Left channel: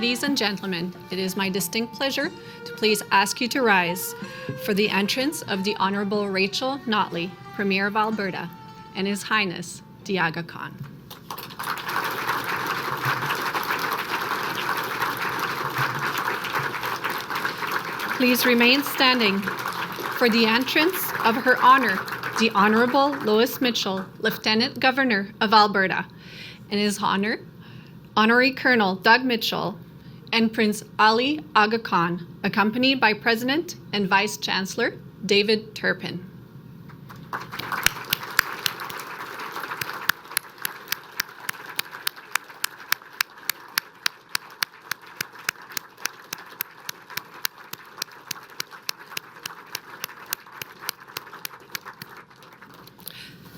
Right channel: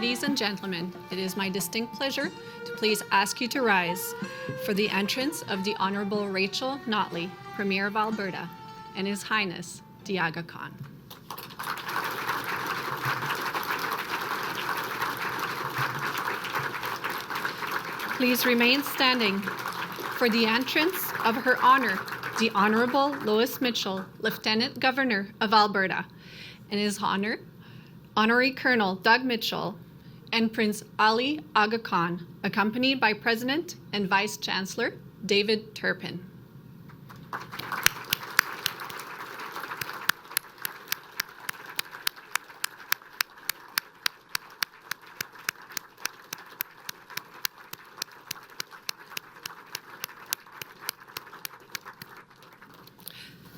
ladies and gentlemen, it is my distinct pleasure to please ask you to rise for the entrance of the Honorable Rachel Notley, Premier of Alberta, and His Highness, the Aga Khan. Please remain standing for the entrance of Her Honor, the Honorable Lois Mitchell, Lieutenant Governor of Alberta, and His Honor, Honorary Colonel Doug Mitchell, and Prince Ali Aga Khan, accompanied by President and Vice Chancellor David Turpin.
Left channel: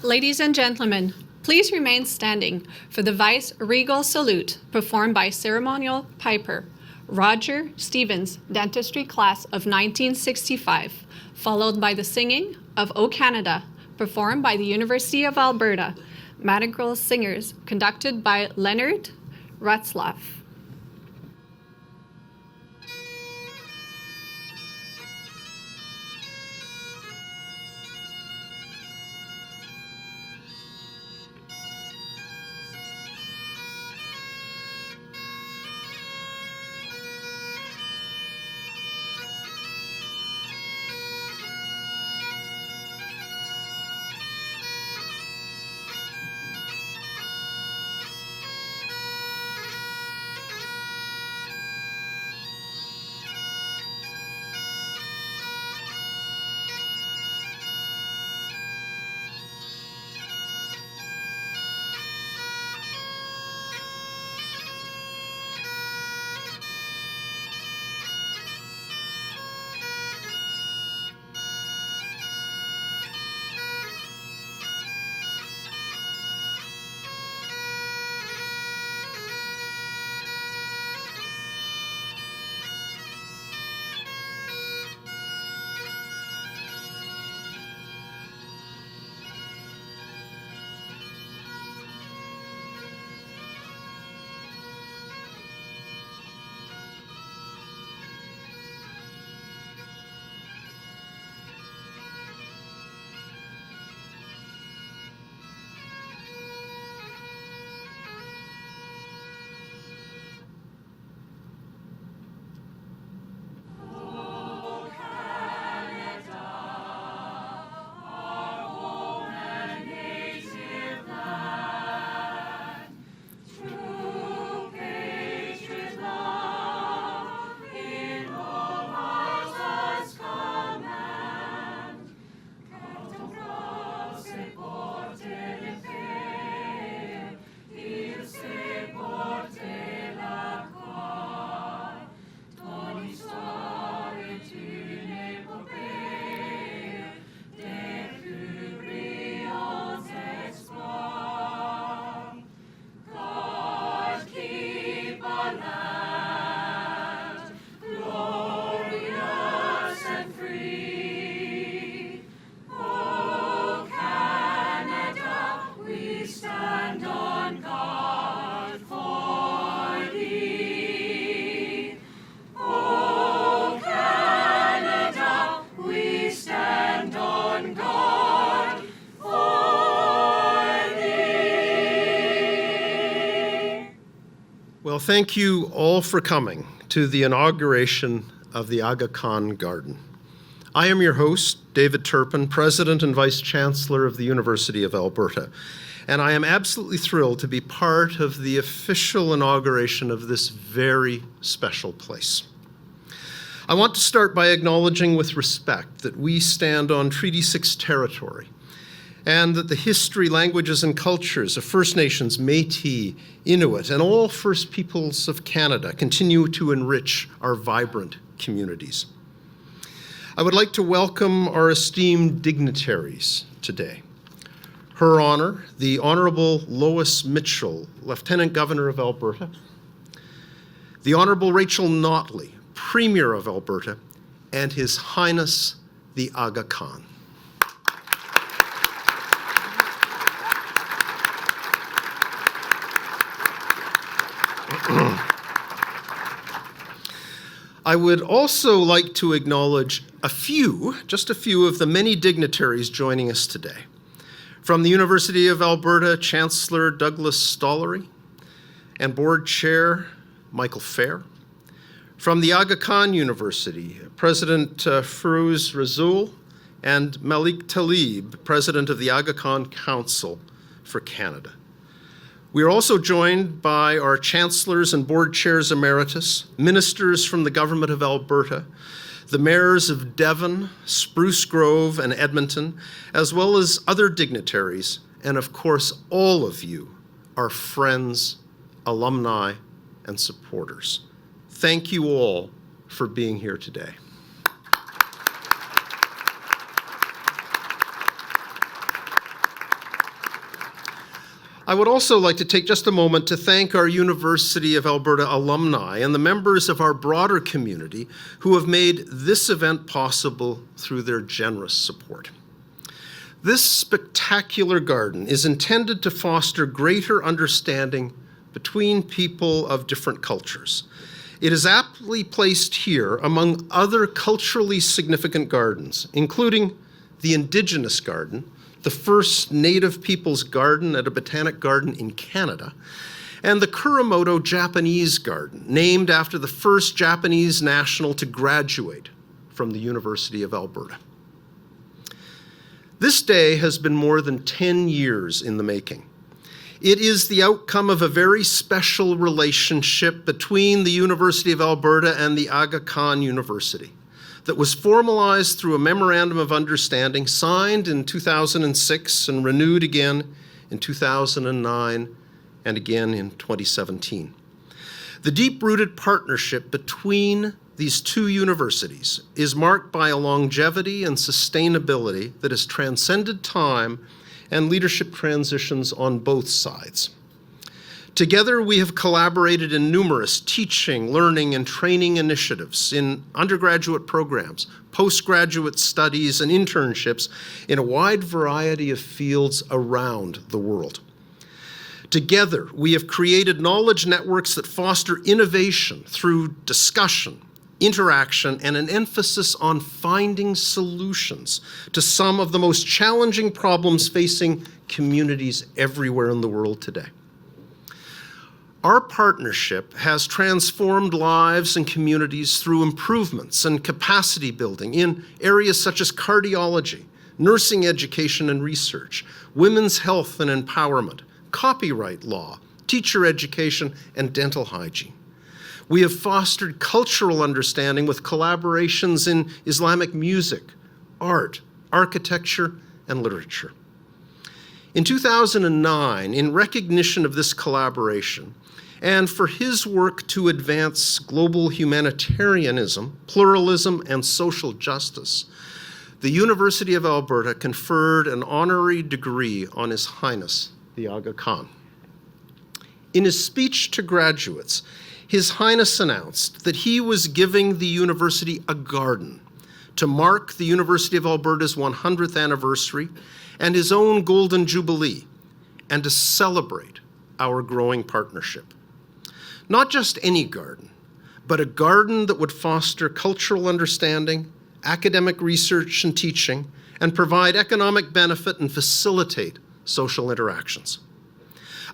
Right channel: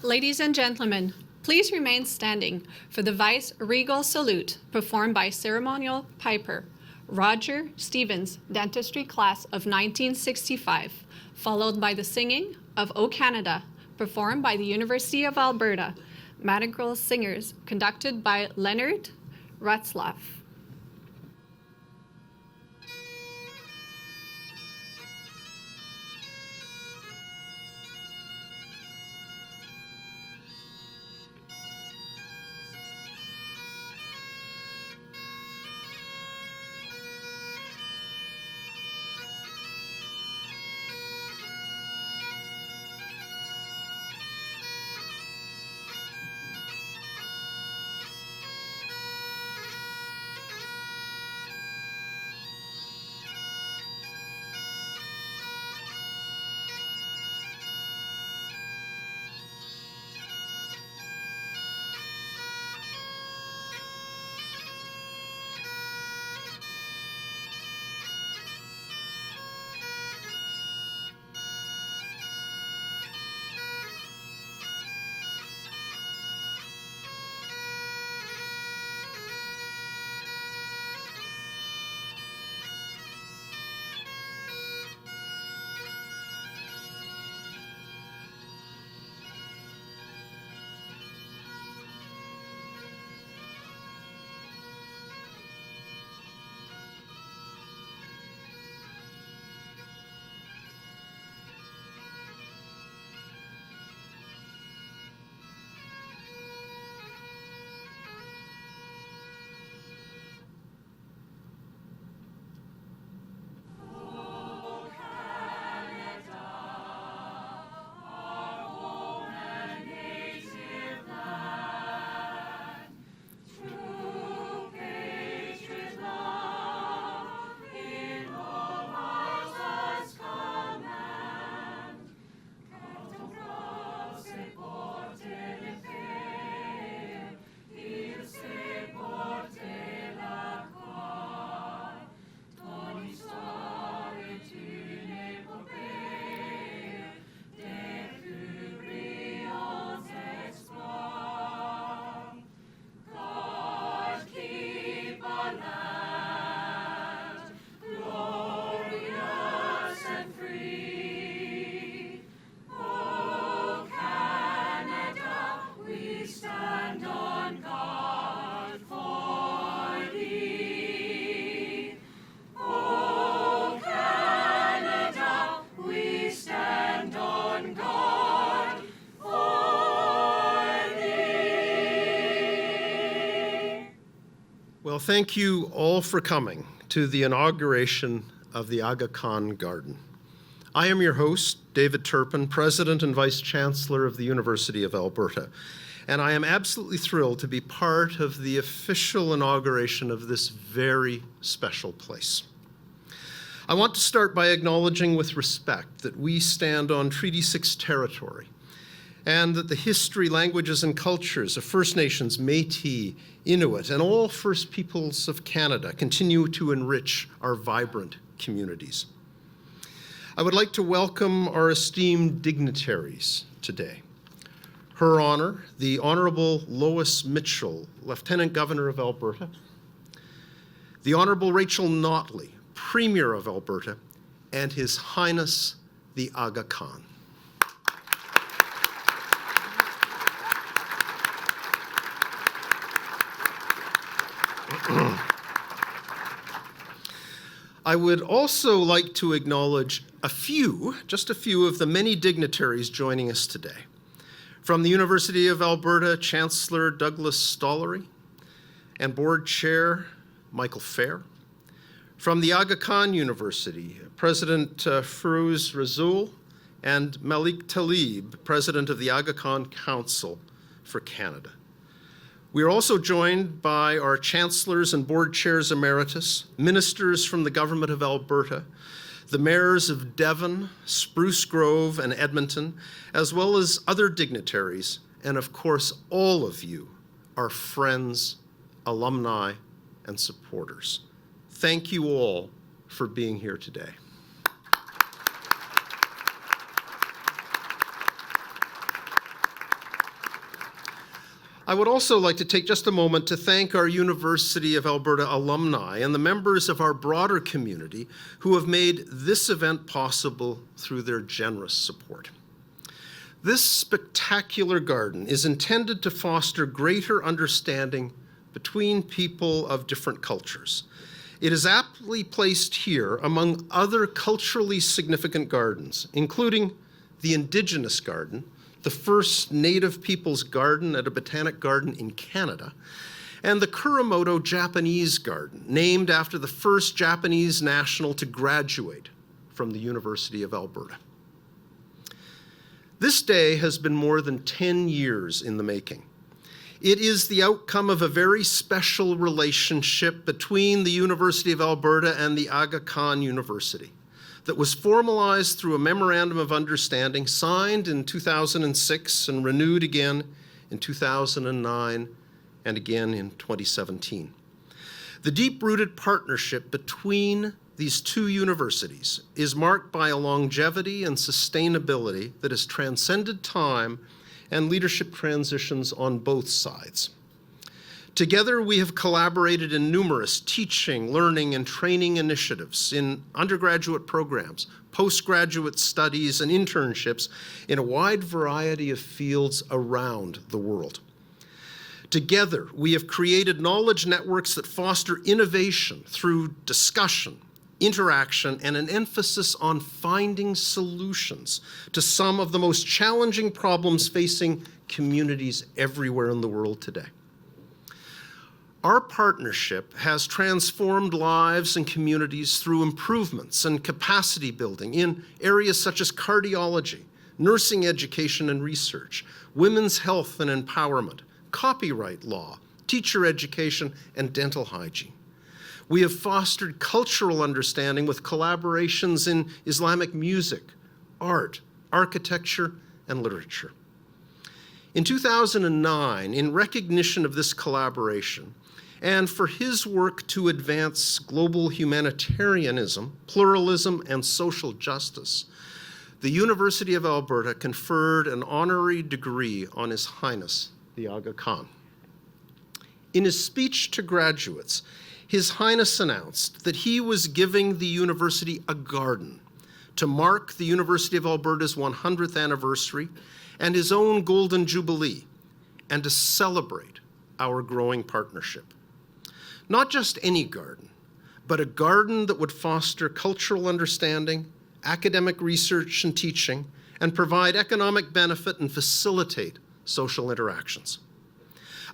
Ladies and gentlemen, please remain standing for the Vice-Regal Salute performed by ceremonial piper Roger Stevens, Dentistry Class of 1965, followed by the singing of O Canada, performed by the University of Alberta, Madrigal Singers, conducted by Leonard Rutzlaff. Well, thank you all for coming to the inauguration of the Aga Khan Garden. I am your host, David Turpin, President and Vice Chancellor of the University of Alberta, and I am absolutely thrilled to be part of the official inauguration of this very special place. I want to start by acknowledging with respect that we stand on Treaty 6 territory, and that the history, languages, and cultures of First Nations, Métis, Inuit, and all First Peoples of Canada continue to enrich our vibrant communities. I would like to welcome our esteemed dignitaries today. Her Honor, the Honorable Lois Mitchell, Lieutenant Governor of Alberta, the Honorable Rachel Notley, Premier of Alberta, and His Highness, the Aga Khan. I would also like to acknowledge just a few of the many dignitaries joining us today. From the University of Alberta, Chancellor Douglas Stollery and Board Chair Michael Fair. From the Aga Khan University, President Firouz Rasool and Malik Talib, President of the Aga Khan Council for Canada. We are also joined by our chancellors and board chairs emeritus, ministers from the Government of Alberta, the mayors of Devon, Spruce Grove, and Edmonton, as well as other dignitaries, and of course, all of you, our friends, alumni, and supporters. Thank you all for being here today. I would also like to take just a moment to thank our University of Alberta alumni and the members of our broader community who have made this event possible through their generous support. This spectacular garden is intended to foster greater understanding between people of different cultures. It is aptly placed here among other culturally significant gardens, including the Indigenous Garden, the first Native Peoples Garden at a botanic garden in Canada, and the Kuramoto Japanese Garden, named after the first Japanese national to graduate from the University of Alberta. This day has been more than 10 years in the making. It is the outcome of a very special relationship between the University of Alberta and the Aga Khan University that was formalized through a memorandum of understanding signed in 2006 and renewed again in 2009 and again in 2017. The deep-rooted partnership between these two universities is marked by a longevity and sustainability that has transcended time and leadership transitions on both sides. Together, we have collaborated in numerous teaching, learning, and training initiatives in undergraduate programs, postgraduate studies, and internships in a wide variety of fields around the world. Together, we have created knowledge networks that foster innovation through discussion, interaction, and an emphasis on finding solutions to some of the most challenging problems facing communities everywhere in the world today. Our partnership has transformed lives and communities through improvements and capacity building in areas such as cardiology, nursing education and research, women's health and empowerment, copyright law, teacher education, and dental hygiene. We have fostered cultural understanding with collaborations in Islamic music, art, architecture, and literature. In 2009, in recognition of this collaboration, and for his work to advance global humanitarianism, pluralism, and social justice, the University of Alberta conferred an honorary degree on His Highness, the Aga Khan. In his speech to graduates, His Highness announced that he was giving the university a garden to mark the University of Alberta's 100th anniversary and his own Golden Jubilee, and to celebrate our growing partnership. Not just any garden, but a garden that would foster cultural understanding, academic research and teaching, and provide economic benefit and facilitate social interactions.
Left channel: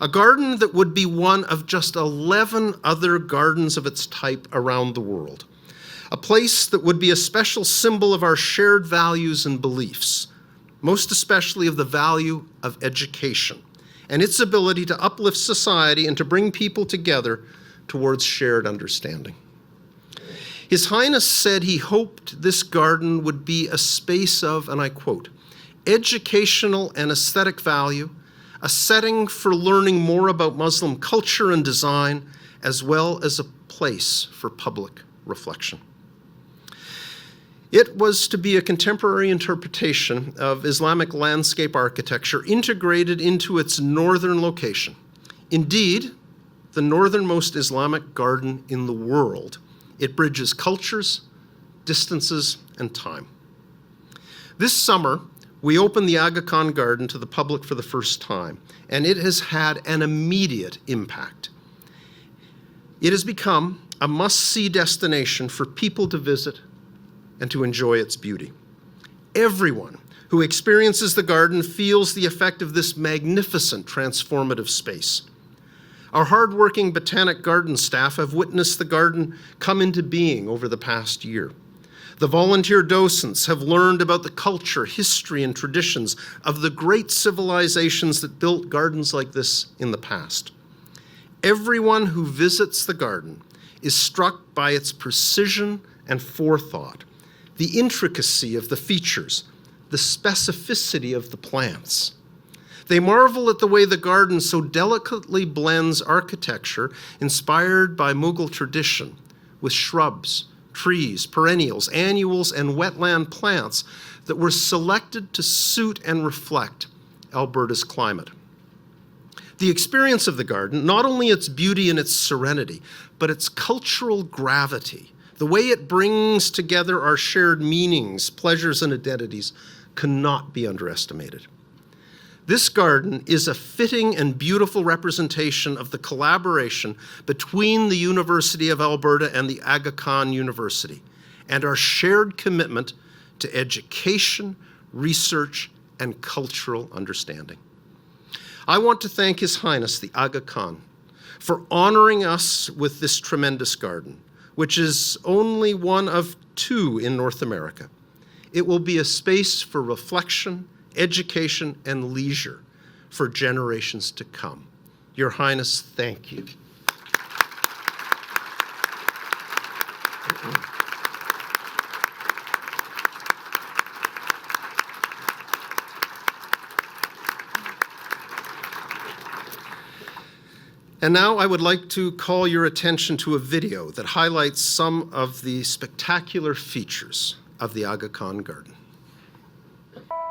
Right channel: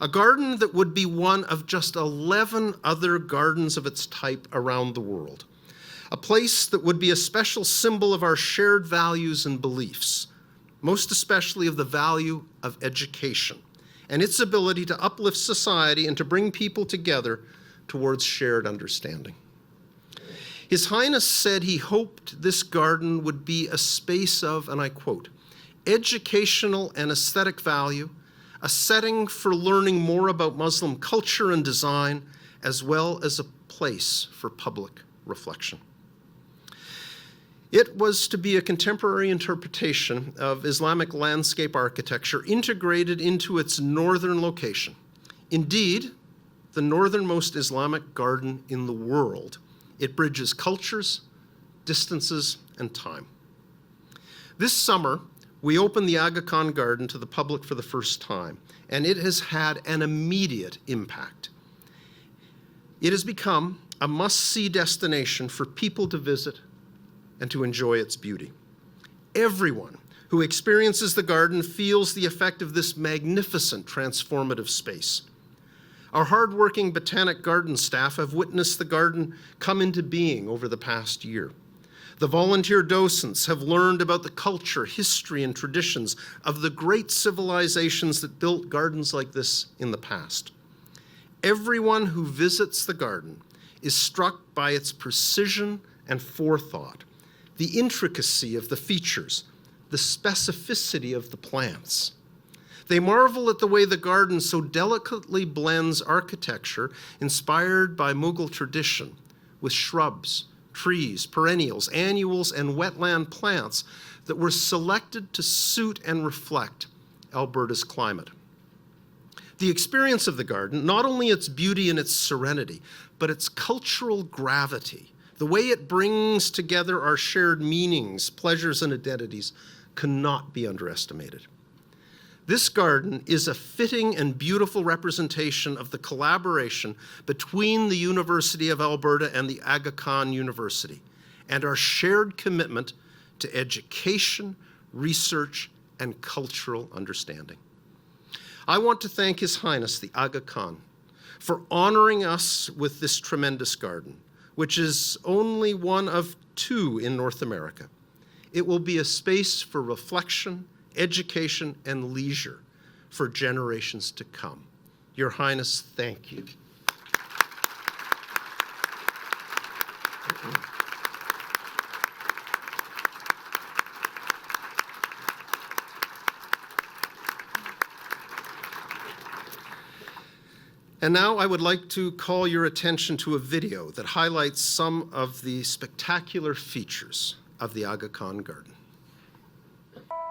A garden that would be one of just 11 other gardens of its type around the world. A place that would be a special symbol of our shared values and beliefs, most especially of the value of education and its ability to uplift society and to bring people together towards shared understanding. His Highness said he hoped this garden would be a space of, and I quote, educational and aesthetic value, a setting for learning more about Muslim culture and design, as well as a place for public reflection. It was to be a contemporary interpretation of Islamic landscape architecture integrated into its northern location. Indeed, the northernmost Islamic garden in the world. It bridges cultures, distances, and time. This summer, we opened the Aga Khan Garden to the public for the first time, and it has had an immediate impact. It has become a must-see destination for people to visit and to enjoy its beauty. Everyone who experiences the garden feels the effect of this magnificent transformative space. Our hardworking Botanic Garden staff have witnessed the garden come into being over the past year. The volunteer docents have learned about the culture, history, and traditions of the great civilizations that built gardens like this in the past. Everyone who visits the garden is struck by its precision and forethought, the intricacy of the features, the specificity of the plants. They marvel at the way the garden so delicately blends architecture inspired by Mughal tradition with shrubs, trees, perennials, annuals, and wetland plants that were selected to suit and reflect Alberta's climate. The experience of the garden, not only its beauty and its serenity, but its cultural gravity, the way it brings together our shared meanings, pleasures, and identities, cannot be underestimated. This garden is a fitting and beautiful representation of the collaboration between the University of Alberta and the Aga Khan University, and our shared commitment to education, research, and cultural understanding. I want to thank His Highness the Aga Khan for honoring us with this tremendous garden, which is only one of 2 in North America. It will be a space for reflection, education, and leisure for generations to come. Your Highness, thank you. And now I would like to call your attention to a video that highlights some of the spectacular features of the Aga Khan Garden. Thank you.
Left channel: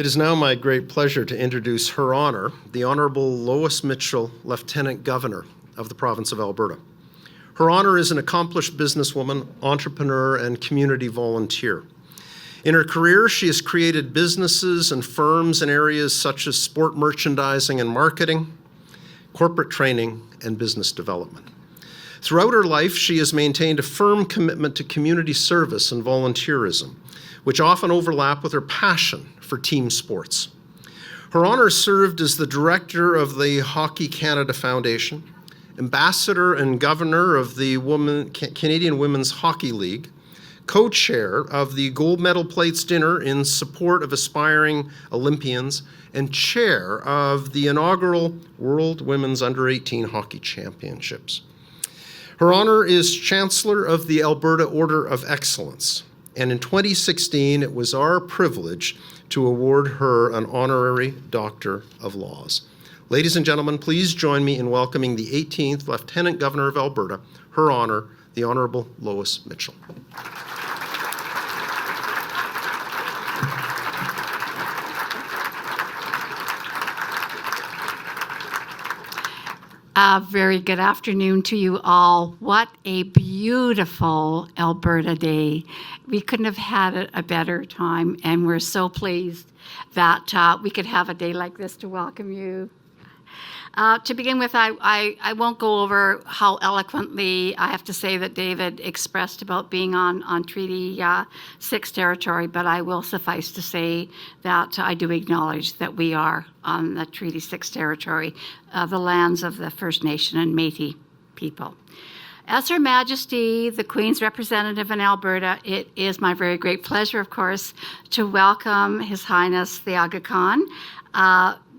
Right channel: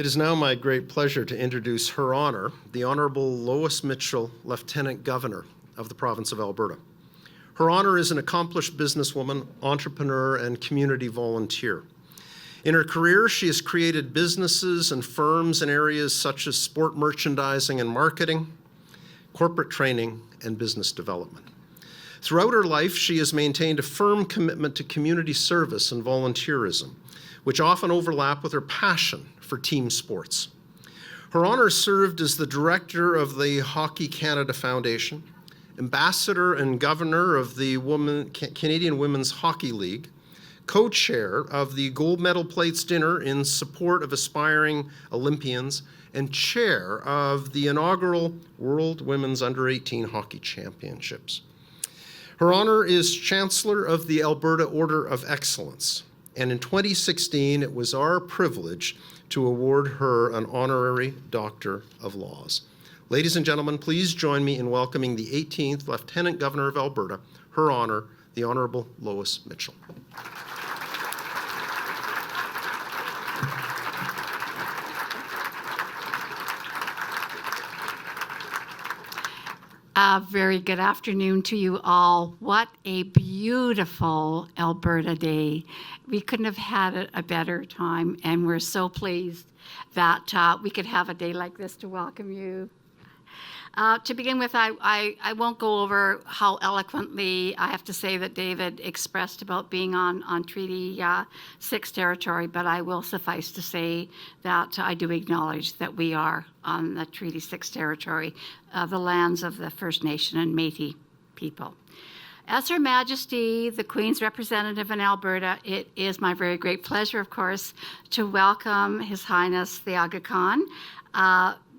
It is now my great pleasure to introduce Her Honor, the Honorable Lois Mitchell, Lieutenant Governor of the province of Alberta. Her Honor is an accomplished businesswoman, entrepreneur, and community volunteer. In her career, she has created businesses and firms in areas such as sport merchandising and marketing, corporate training, and business development. Throughout her life, she has maintained a firm commitment to community service and volunteerism, which often overlap with her passion for team sports. Her Honor served as the director of the Hockey Canada Foundation, ambassador and governor of the Canadian Women's Hockey League, co-chair of the Gold Medal Plates Dinner in support of aspiring Olympians, and chair of the inaugural World Women's Under-18 Hockey Championships. Her Honor is Chancellor of the Alberta Order of Excellence, and in 2016, it was our privilege to award her an honorary Doctor of Laws. Ladies and gentlemen, please join me in welcoming the 18th Lieutenant Governor of Alberta, Her Honor, the Honorable Lois Mitchell. Very good afternoon to you all. What a beautiful Alberta day. We couldn't have had a better time, and we're so pleased that we could have a day like this to welcome you. To begin with, I won't go over how eloquently I have to say that David expressed about being on Treaty 6 territory, but I will suffice to say that I do acknowledge that we are on the Treaty 6 territory, the lands of the First Nation and Métis people. As Her Majesty, the Queen's representative in Alberta, it is my very great pleasure, of course, to welcome His Highness the Aga Khan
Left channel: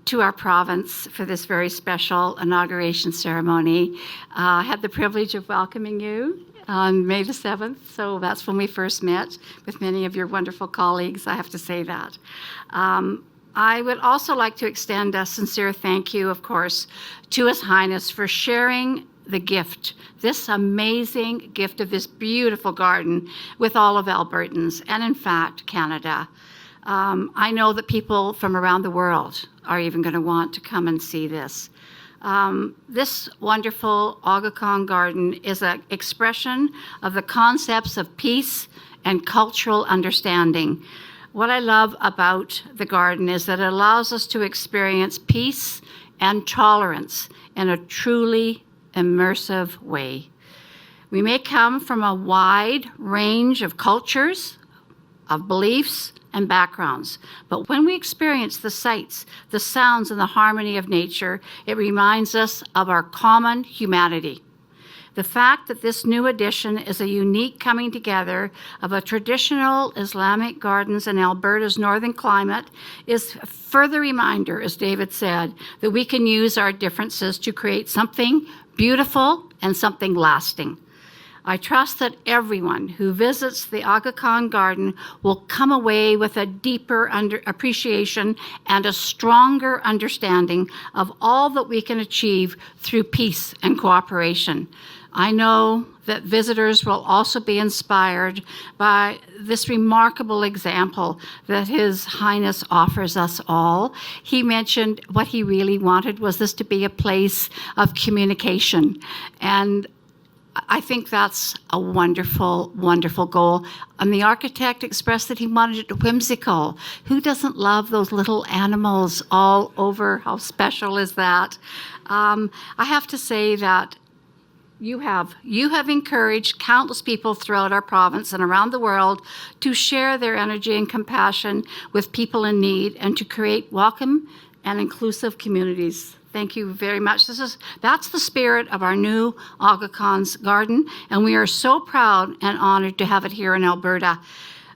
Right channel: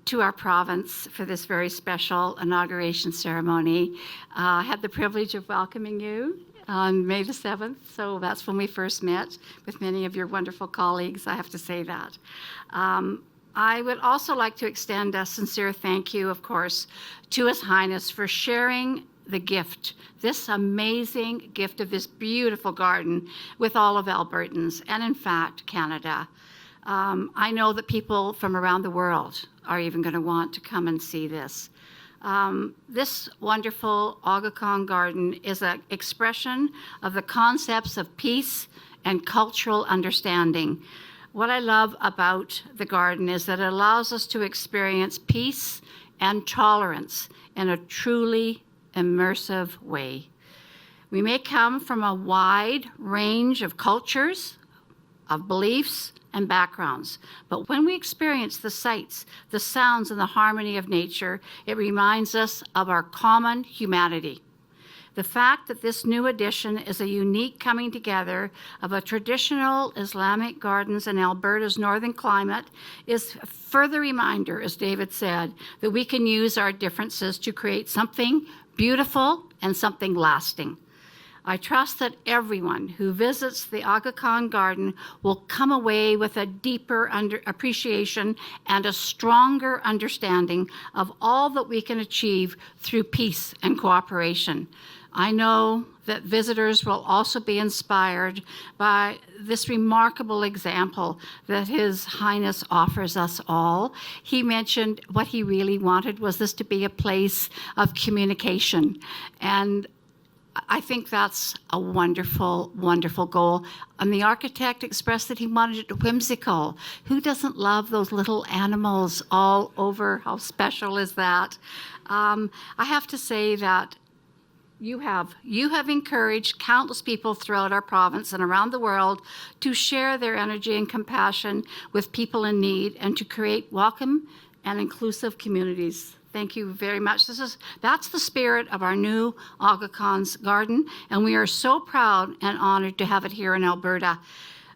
to our province for this very special inauguration ceremony. I had the privilege of welcoming you on May the 7th, so that's when we first met with many of your wonderful colleagues, I have to say that. I would also like to extend a sincere thank you, of course, to His Highness for sharing the gift, this amazing gift of this beautiful garden with all of Albertans and, in fact, Canada. I know that people from around the world are even going to want to come and see this. This wonderful Aga Khan Garden is an expression of the concepts of peace and cultural understanding. What I love about the garden is that it allows us to experience peace and tolerance in a truly immersive way. We may come from a wide range of cultures, of beliefs, and backgrounds. But when we experience the sights, the sounds, and the harmony of nature, it reminds us of our common humanity. The fact that this new addition is a unique coming together of a traditional Islamic gardens in Alberta's northern climate is a further reminder, as David said, that we can use our differences to create something beautiful and something lasting. I trust that everyone who visits the Aga Khan Garden will come away with a deeper appreciation and a stronger understanding of all that we can achieve through peace and cooperation. I know that visitors will also be inspired by this remarkable example that His Highness offers us all. He mentioned what he really wanted was this to be a place of communication, and I think that's a wonderful, wonderful goal. And the architect expressed that he wanted it whimsical. Who doesn't love those little animals all over? How special is that? I have to say that you have encouraged countless people throughout our province and around the world to share their energy and compassion with people in need and to create welcome and inclusive communities. Thank you very much. That's the spirit of our new Aga Khan's Garden, and we are so proud and honored to have it here in Alberta.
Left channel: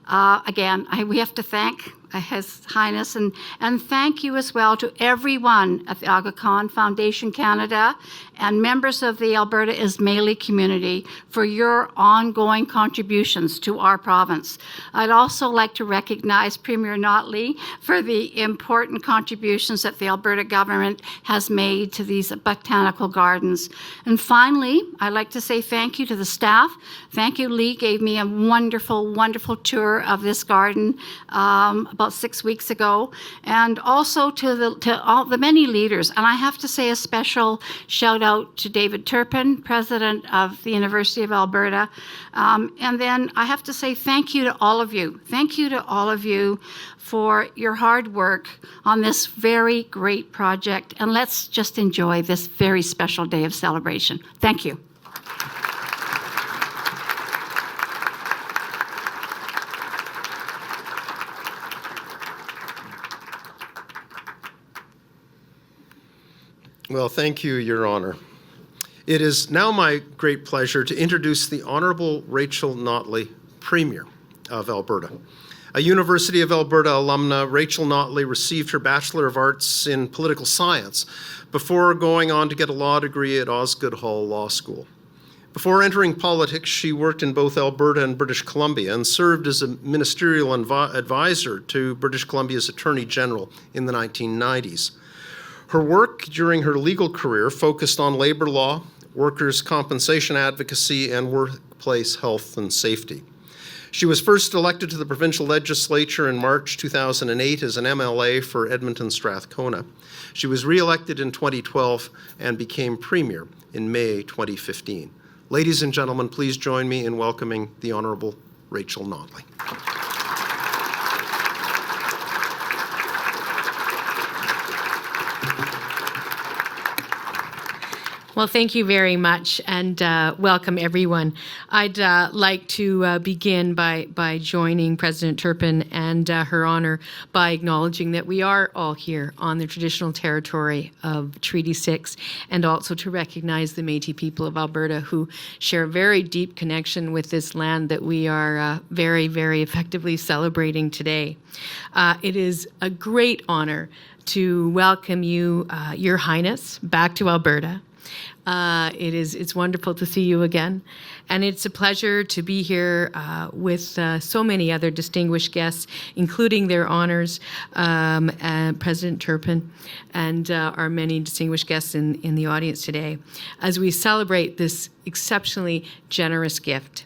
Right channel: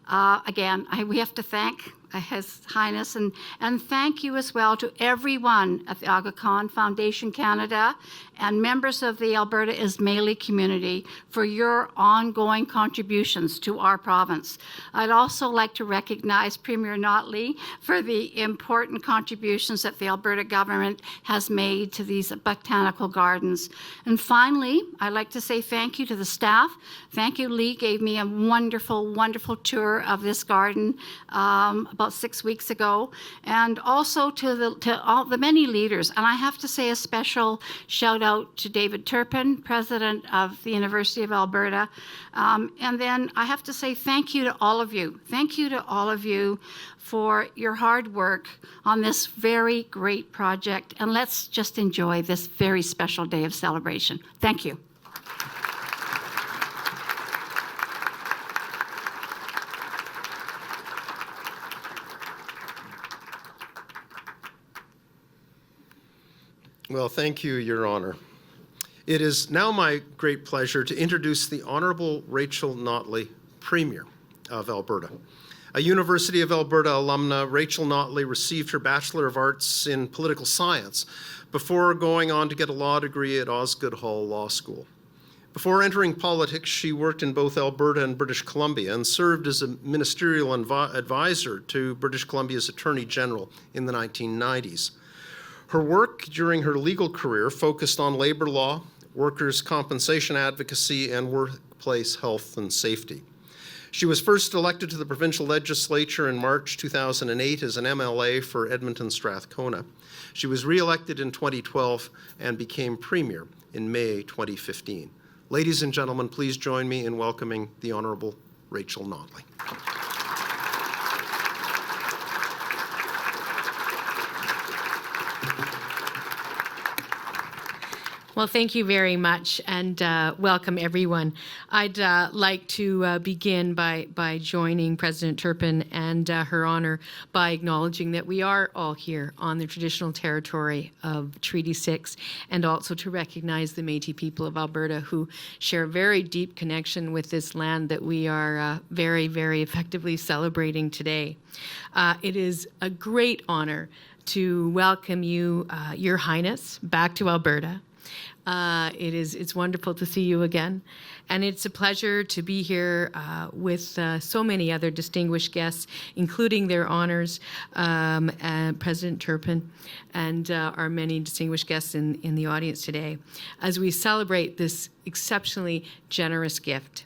Again, we have to thank His Highness and thank you as well to everyone at the Aga Khan Foundation Canada and members of the Alberta Ismaili community for your ongoing contributions to our province. I'd also like to recognize Premier Notley for the important contributions that the Alberta government has made to these botanical gardens. And finally, I'd like to say thank you to the staff. Thank you, Lee gave me a wonderful, wonderful tour of this garden, about 6 weeks ago, and also to all the many leaders. And I have to say a special shout out to David Turpin, president of the University of Alberta. And then I have to say thank you to all of you. Thank you to all of you for your hard work on this very great project. And let's just enjoy this very special day of celebration. Thank you. Well, thank you, Your Honor. It is now my great pleasure to introduce the Honorable Rachel Notley, Premier of Alberta. A University of Alberta alumna, Rachel Notley received her Bachelor of Arts in Political Science before going on to get a law degree at Osgoode Hall Law School. Before entering politics, she worked in both Alberta and British Columbia and served as a ministerial advisor to British Columbia's Attorney General in the 1990s. Her work during her legal career focused on labor law, workers' compensation advocacy, and workplace health and safety. She was first elected to the provincial legislature in March 2008 as an MLA for Edmonton Strathcona. She was re-elected in 2012 and became Premier in May 2015. Ladies and gentlemen, please join me in welcoming the Honourable Rachel Notley. Well, thank you very much, and welcome everyone. I'd like to begin by joining President Turpin and Her Honor by acknowledging that we are all here on the traditional territory of Treaty 6, and also to recognize the Métis people of Alberta who share a very deep connection with this land that we are very, very effectively celebrating today. It is a great honor to welcome you, Your Highness, back to Alberta. It's wonderful to see you again, and it's a pleasure to be here with so many other distinguished guests, including their honors, President Turpin, and our many distinguished guests in the audience today, as we celebrate this exceptionally generous gift.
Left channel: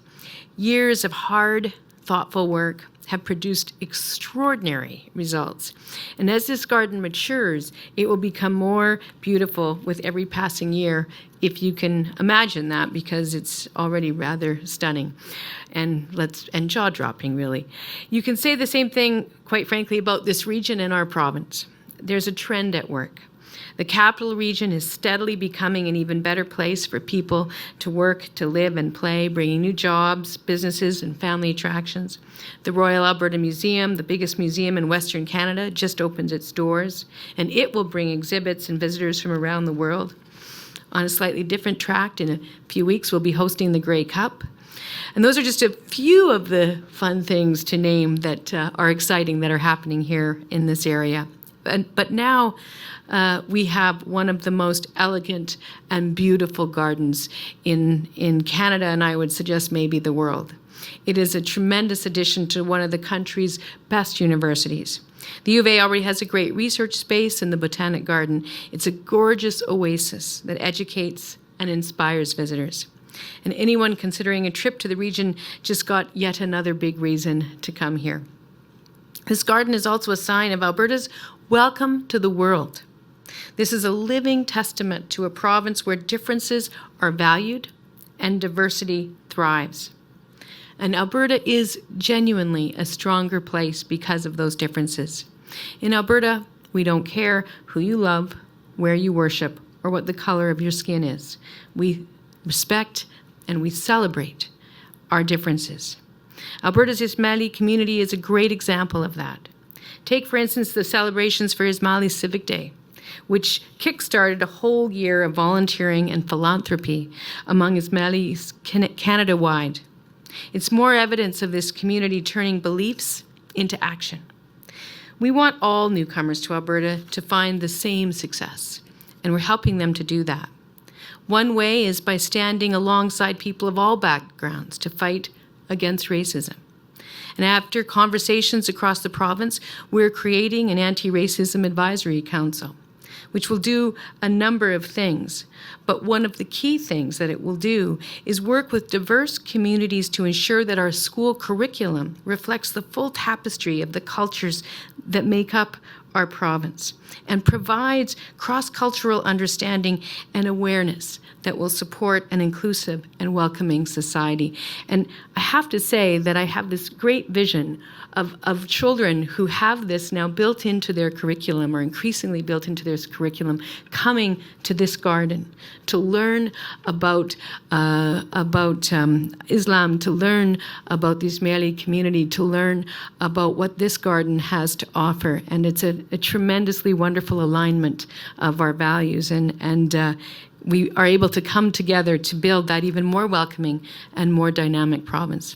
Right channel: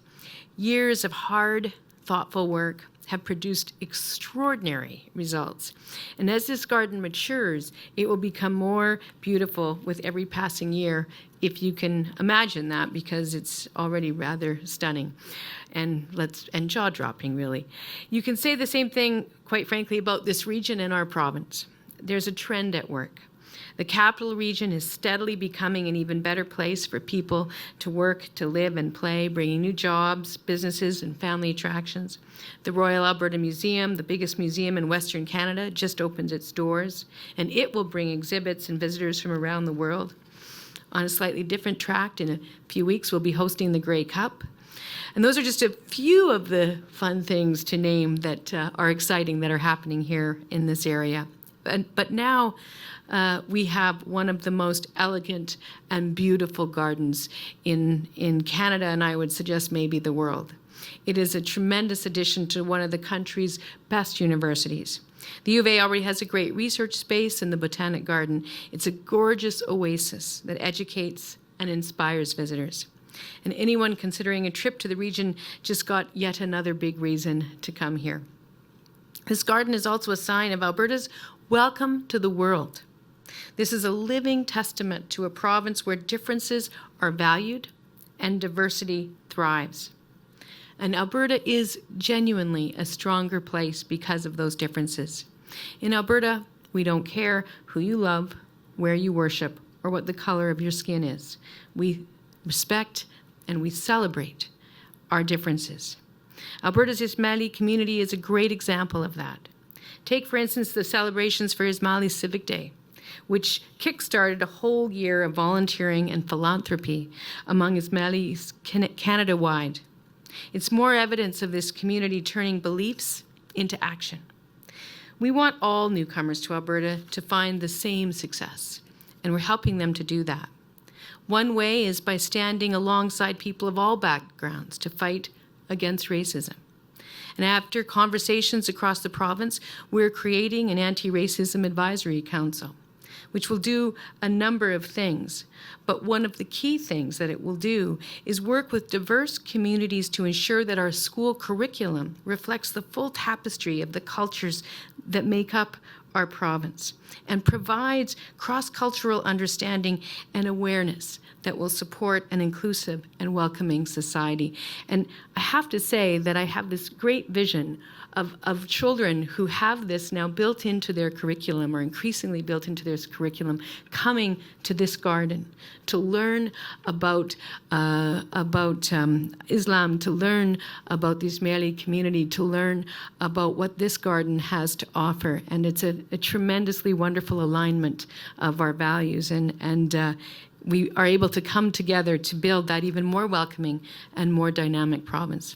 Years of hard, thoughtful work have produced extraordinary results. And as this garden matures, it will become more beautiful with every passing year, if you can imagine that, because it's already rather stunning and jaw-dropping, really. You can say the same thing, quite frankly, about this region and our province. There's a trend at work. The capital region is steadily becoming an even better place for people to work, to live and play, bringing new jobs, businesses, and family attractions. The Royal Alberta Museum, the biggest museum in Western Canada, just opened its doors, and it will bring exhibits and visitors from around the world. On a slightly different track, in a few weeks, we'll be hosting the Grey Cup. And those are just a few of the fun things to name that are exciting that are happening here in this area. But now, we have one of the most elegant and beautiful gardens in Canada, and I would suggest maybe the world. It is a tremendous addition to one of the country's best universities. The U of A already has a great research space in the Botanic Garden. It's a gorgeous oasis that educates and inspires visitors. And anyone considering a trip to the region just got yet another big reason to come here. This garden is also a sign of Alberta's welcome to the world. This is a living testament to a province where differences are valued and diversity thrives. And Alberta is genuinely a stronger place because of those differences. In Alberta, we don't care who you love, where you worship, or what the color of your skin is. We respect and we celebrate our differences. Alberta's Ismaili community is a great example of that. Take, for instance, the celebrations for Ismaili Civic Day, which kick-started a whole year of volunteering and philanthropy among Ismailis Canada-wide. It's more evidence of this community turning beliefs into action. We want all newcomers to Alberta to find the same success, and we're helping them to do that. One way is by standing alongside people of all backgrounds to fight against racism. And after conversations across the province, we're creating an anti-racism advisory council. which will do a number of things. But one of the key things that it will do is work with diverse communities to ensure that our school curriculum reflects the full tapestry of the cultures that make up our province and provides cross-cultural understanding and awareness that will support an inclusive and welcoming society. And I have to say that I have this great vision of children who have this now built into their curriculum, or increasingly built into their curriculum, coming to this garden to learn about Islam, to learn about the Ismaili community, to learn about what this garden has to offer. And it's a tremendously wonderful alignment of our values, and we are able to come together to build that even more welcoming and more dynamic province.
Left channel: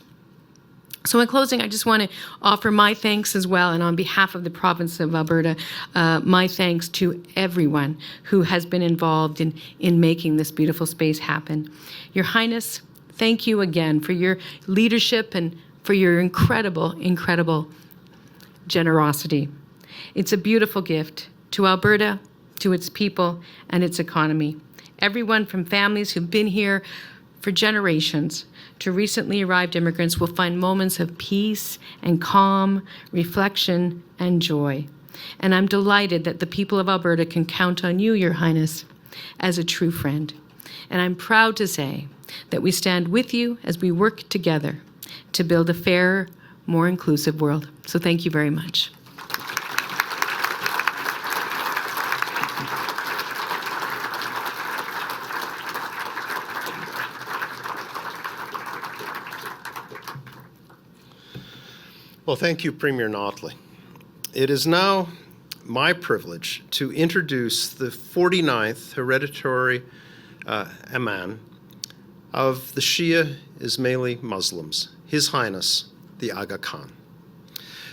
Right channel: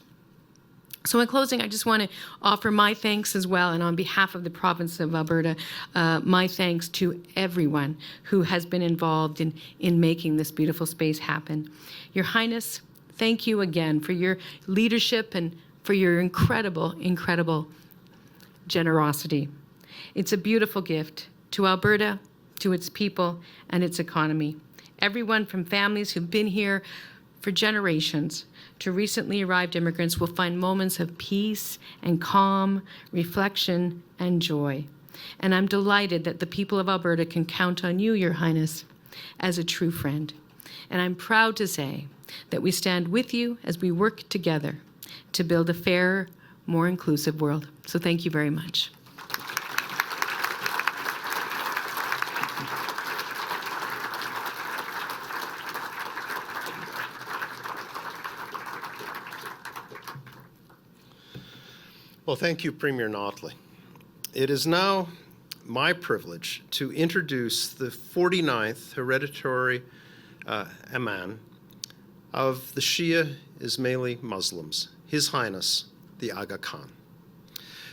So in closing, I just want to offer my thanks as well, and on behalf of the province of Alberta, my thanks to everyone who has been involved in making this beautiful space happen. Your Highness, thank you again for your leadership and for your incredible, incredible generosity. It's a beautiful gift to Alberta, to its people, and its economy. Everyone from families who've been here for generations to recently arrived immigrants will find moments of peace and calm, reflection and joy. And I'm delighted that the people of Alberta can count on you, Your Highness, as a true friend. And I'm proud to say that we stand with you as we work together to build a fairer, more inclusive world. So thank you very much. Well, thank you, Premier Notley. It is now my privilege to introduce the 49th hereditary Imam of the Shia Ismaili Muslims, His Highness, the Aga Khan.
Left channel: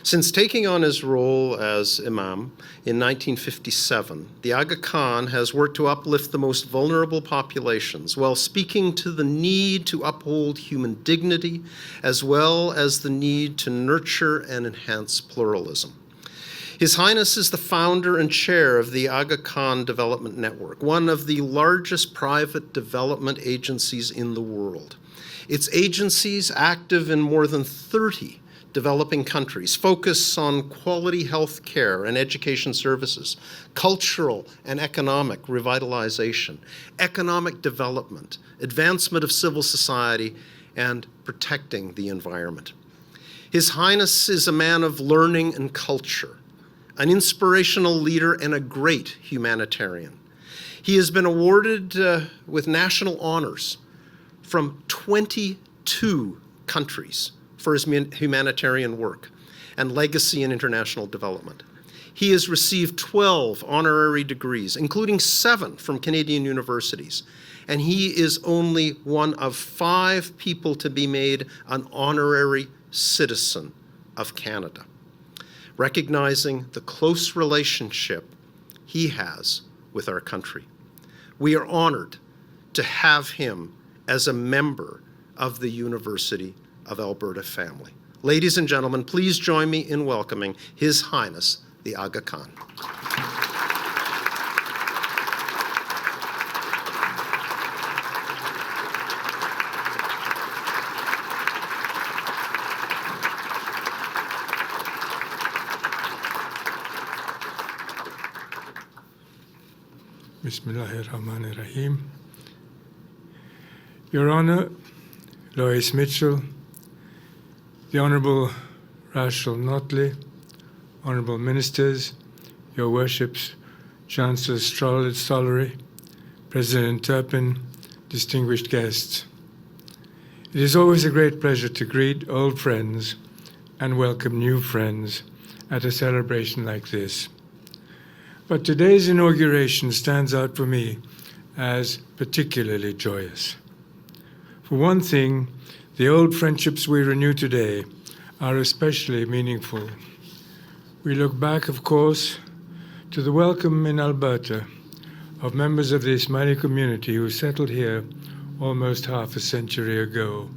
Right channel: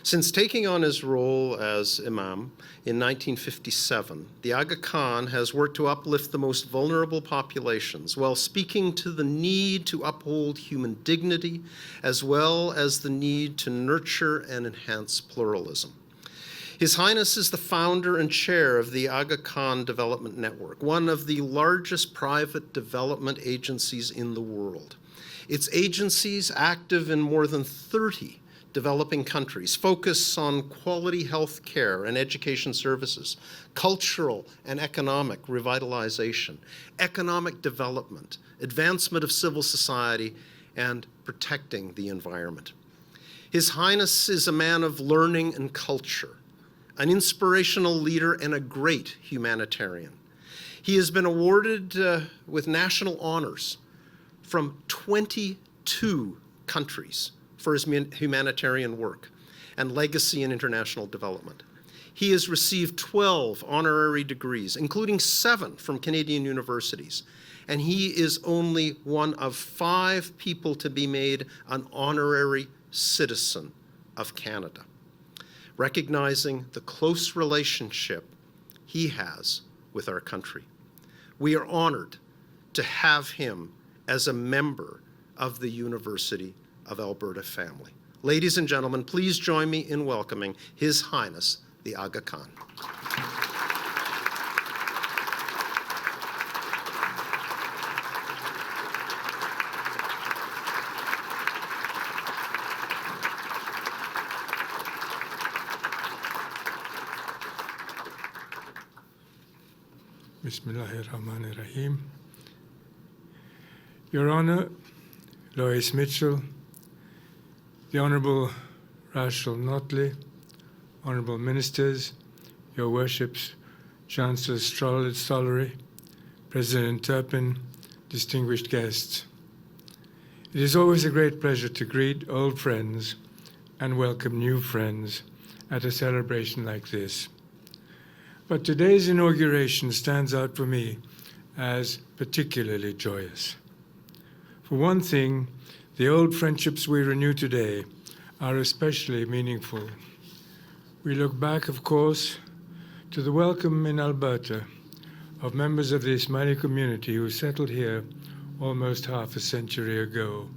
Since taking on his role as Imam in 1957, the Aga Khan has worked to uplift the most vulnerable populations while speaking to the need to uphold human dignity as well as the need to nurture and enhance pluralism. His Highness is the founder and chair of the Aga Khan Development Network, one of the largest private development agencies in the world. Its agencies, active in more than 30 developing countries, focus on quality health care and education services, cultural and economic revitalization, economic development, advancement of civil society, and protecting the environment. His Highness is a man of learning and culture, an inspirational leader and a great humanitarian. He has been awarded with national honors from 22 countries for his humanitarian work and legacy in international development. He has received 12 honorary degrees, including 7 from Canadian universities, and he is only one of 5 people to be made an honorary citizen of Canada, recognizing the close relationship he has with our country. We are honored to have him as a member of the University of Alberta family. Ladies and gentlemen, please join me in welcoming His Highness, the Aga Khan. Bismillahirrahmanirrahim. Your Honor, Lois Mitchell, the Honourable Rachel Notley, Honourable Ministers, Your Worships, Chancellor Stollery, President Turpin, distinguished guests. It is always a great pleasure to greet old friends and welcome new friends at a celebration like this. But today's inauguration stands out for me as particularly joyous. For one thing, the old friendships we renew today are especially meaningful. We look back, of course, to the welcome in Alberta of members of the Ismaili community who settled here almost half a century ago,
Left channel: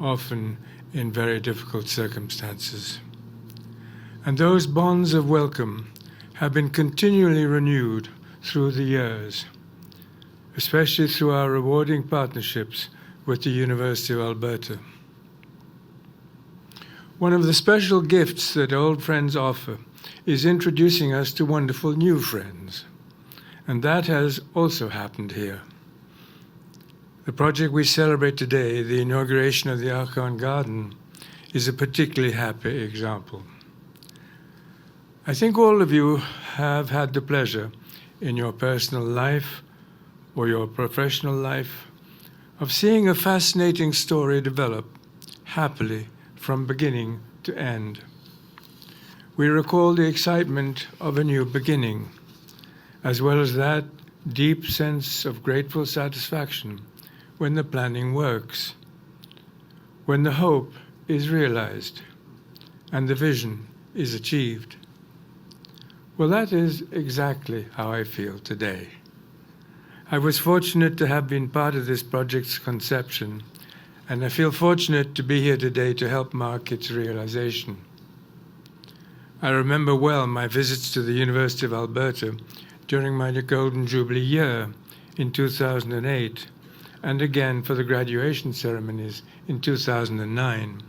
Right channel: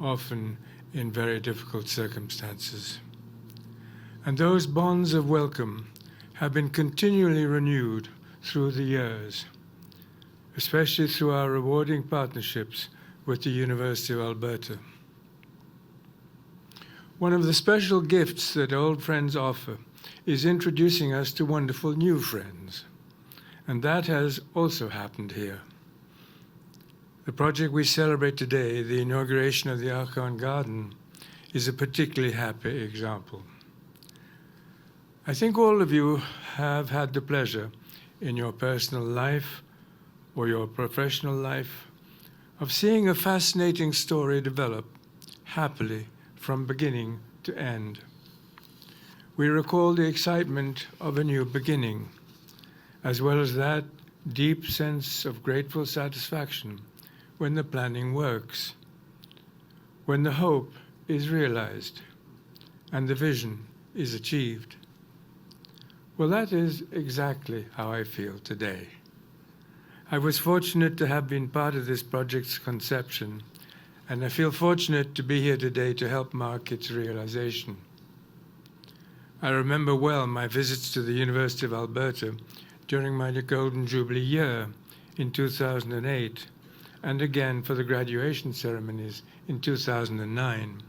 often in very difficult circumstances. And those bonds of welcome have been continually renewed through the years, especially through our rewarding partnerships with the University of Alberta. One of the special gifts that old friends offer is introducing us to wonderful new friends, and that has also happened here. The project we celebrate today, the inauguration of the Aga Khan Garden, is a particularly happy example. I think all of you have had the pleasure in your personal life or your professional life of seeing a fascinating story develop happily from beginning to end. We recall the excitement of a new beginning, as well as that deep sense of grateful satisfaction when the planning works, when the hope is realized and the vision is achieved. Well, that is exactly how I feel today. I was fortunate to have been part of this project's conception, and I feel fortunate to be here today to help mark its realization. I remember well my visits to the University of Alberta during my Golden Jubilee year in 2008, and again for the graduation ceremonies in 2009.